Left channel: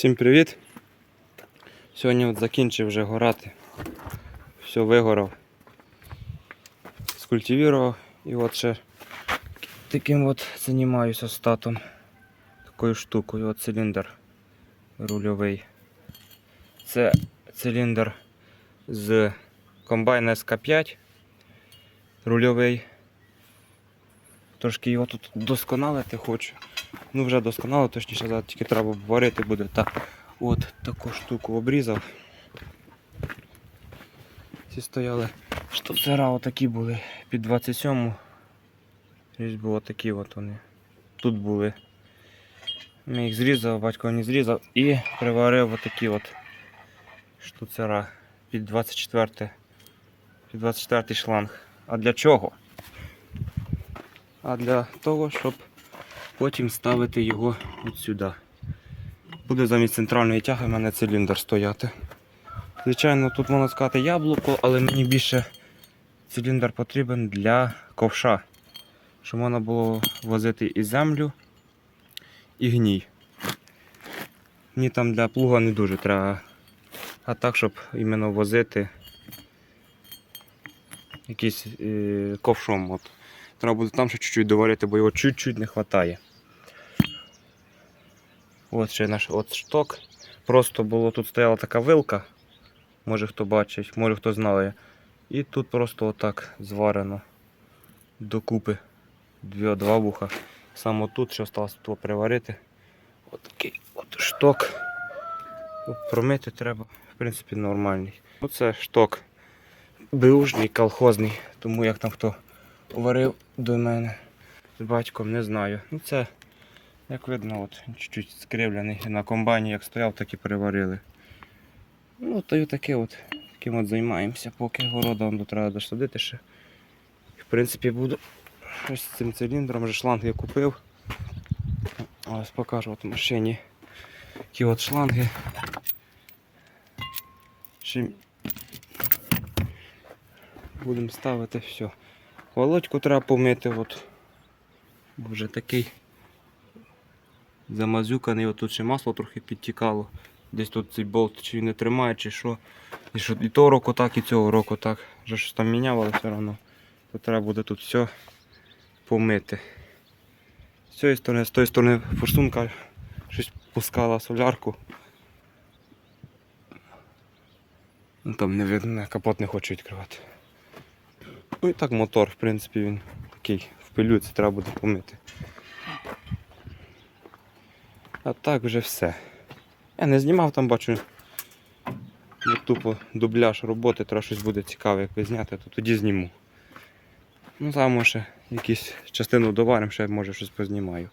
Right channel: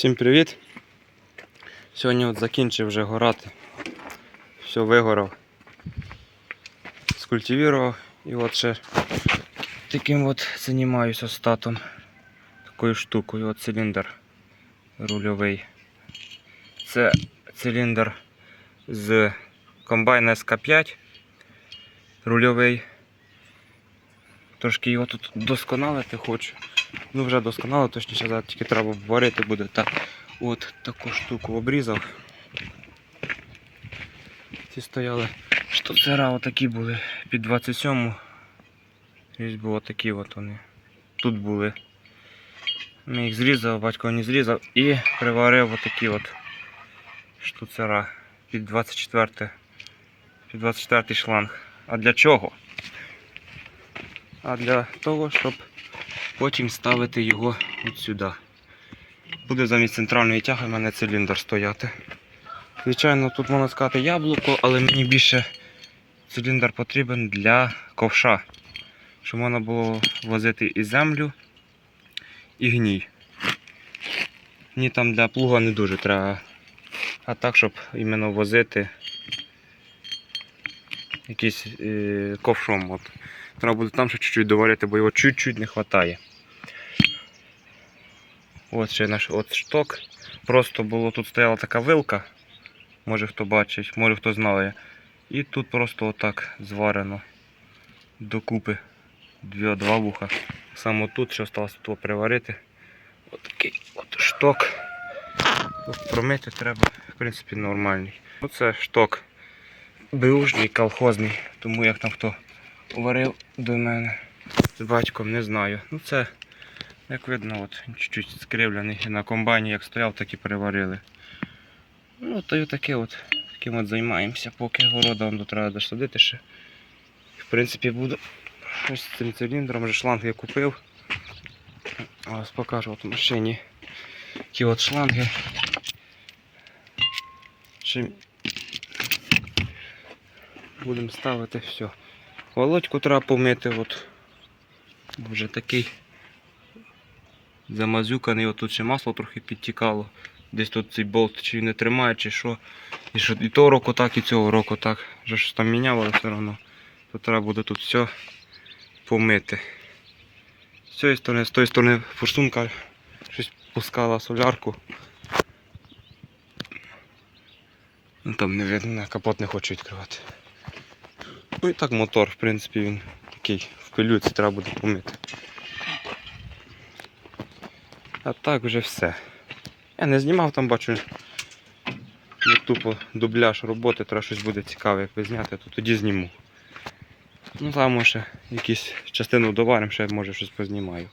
Всім привіт! Сьогодні от закінчив вже горати. Все вигорав. Скультивірував і от ще таким от займаюся статом. Такою штукою, от циліндр рульовий. Це циліндр з комбайна СК5 рульовий. Трошки його тут досконалити хочу. Ну вже досконало, точніше зараз тільки треба варити буде. Так, от таку штуку обрізав. Ці стояли штуцера отакі були під 27. Ось було такі от вони. Тут були. Ми їх зрізав, батько не зрізав і приварив отакі от штуцера під 24 під 24 шланг. А для чого? А для того, щоб потім ставити його от сюди. Буде замість центральної тяги в мене циліндр стояти. Звичайно, тут можна сказати яблуко, але мені більше циліндр потрібен для ковша. Щоб можна було возити і землю, і гній. Мені там для плуга не дуже треба. А так, щоб іменно возити якийсь е, ковшом. От. Треба буде там ще чуть-чуть доварити, бо його чуть-чуть не вистачає. От ще наш от шток. Просто було тут стояла така вилка. Може хто бачить, може хто знає. І тут просто отак зварено докупи дві, два вуха. Саме тут ще осталось тут приварити. От такий от шток. Тут промити треба, в принципі, нормальний. Оце шток беушний, колхозний, тому як там хто варив до мене з батьком, не знаю. Ну це, як видно, от, чуть-чуть скривлений. На комбайні як стояв, так і переварили. Ну, то й таке от, таким от займаємося, поки города вам тут треба досадити ще. В принципі, буду ось з цим циліндром, вже шланг я купив. Ось покажу от в машині. Такі от шланги. Чим будемо ставити все. Володьку треба помити, от. Вже такий замазюканий, от тут ще масло трохи підтікало. Десь тут цей болт чи не тримає, чи що. І що і того року так, і цього року так. Вже щось там міняв, але все одно. То треба буде тут все помити. З цієї сторони, з тої сторони форсунка щось пускала солярку. Ну там не видно, капот не хочу відкривати. Ну і так мотор, в принципі, він такий в пилюці треба буде помити. А так вже все. Я не знімав там, бачу. Ну, тупо дубляж роботи, треба щось буде цікаве якби зняти, то тоді зніму. Ну там може якусь частину доваримо, ще може щось познімаю.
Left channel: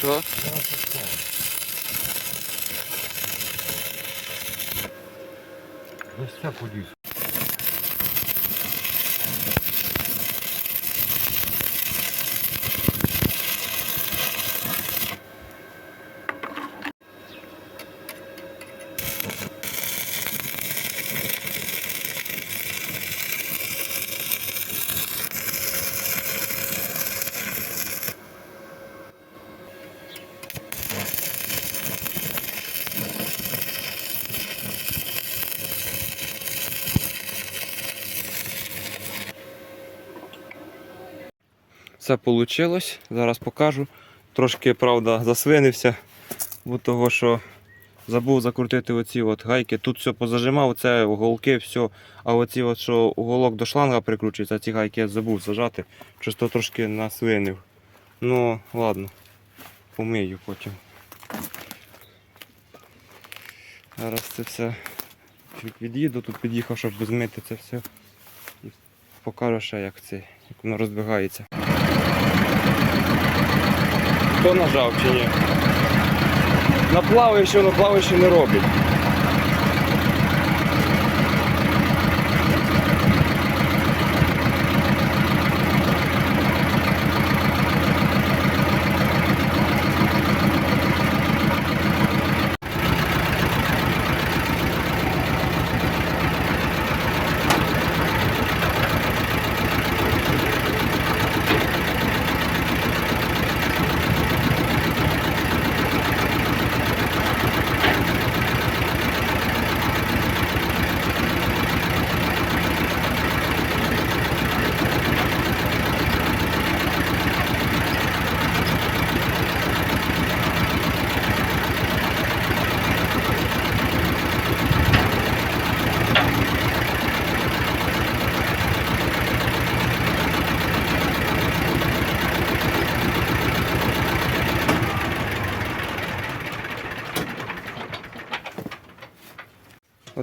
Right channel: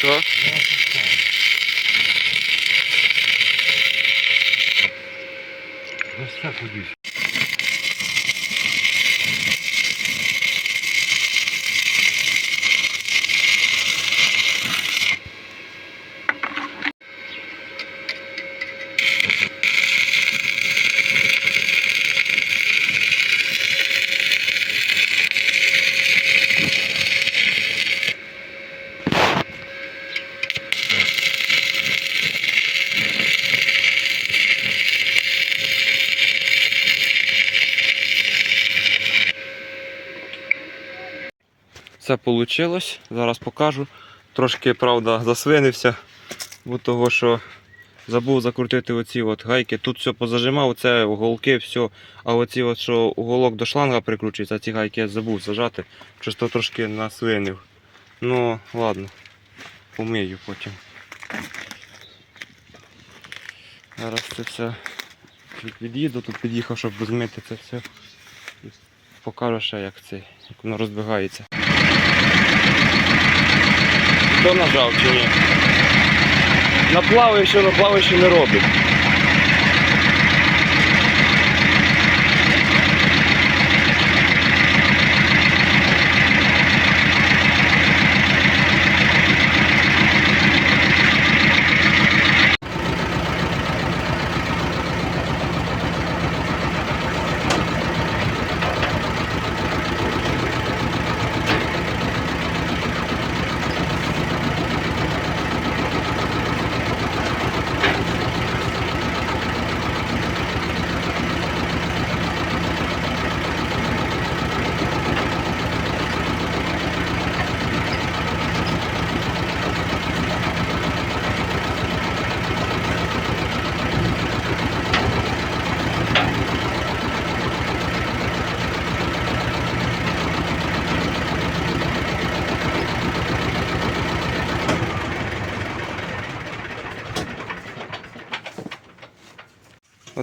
Що? Ось ходиш. Це вийшло. Зараз покажу. Трошки, правда, засвинився, бо того, що забув закрутити оці от гайки. Тут все позажимав, це уголки, все. А оці от, що уголок до шланга прикручується, ці гайки я забув зажати. Просто трошки насвинив. Ну, ладно, помию потім. Зараз це все від'їду, тут під'їхав, щоб змити це все. Покажу ще, як це, як воно розбігається. Хто нажав чи ні? На плаваючи, на плаваючи не робить.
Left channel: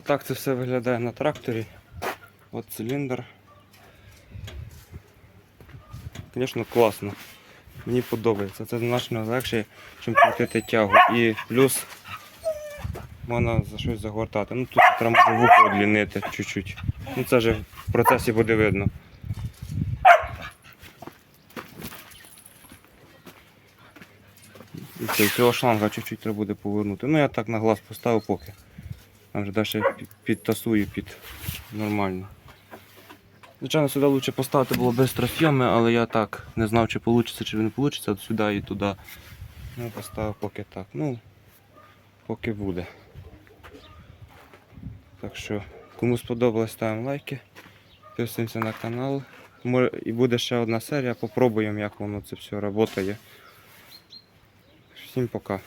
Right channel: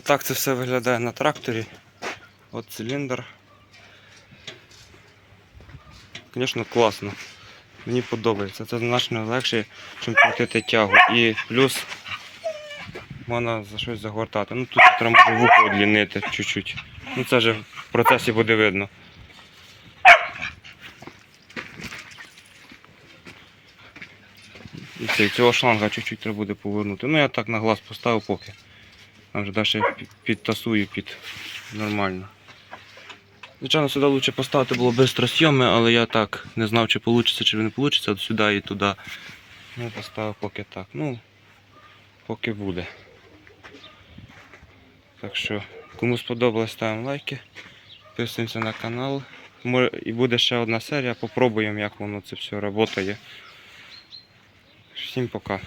Отак це все виглядає на тракторі. От циліндр. Звісно, класно. Мені подобається. Це значно легше, ніж крутити тягу. І плюс можна за щось загортати. Ну тут треба може вухо одлінити чуть-чуть. Ну це вже в процесі буде видно. І цього шланга чуть-чуть треба буде повернути. Ну я так на глаз поставив поки. Там вже далі підтасую під нормально. Звичайно, сюди краще поставити було бистросйоми, але я так не знав, чи вийде, чи не вийде, сюди і туди. Ну, поставив поки так. Ну, поки буде. Так що, кому сподобалось, ставимо лайки. Підписуємося на канал. І буде ще одна серія, попробуємо, як воно це все працює. Всім пока.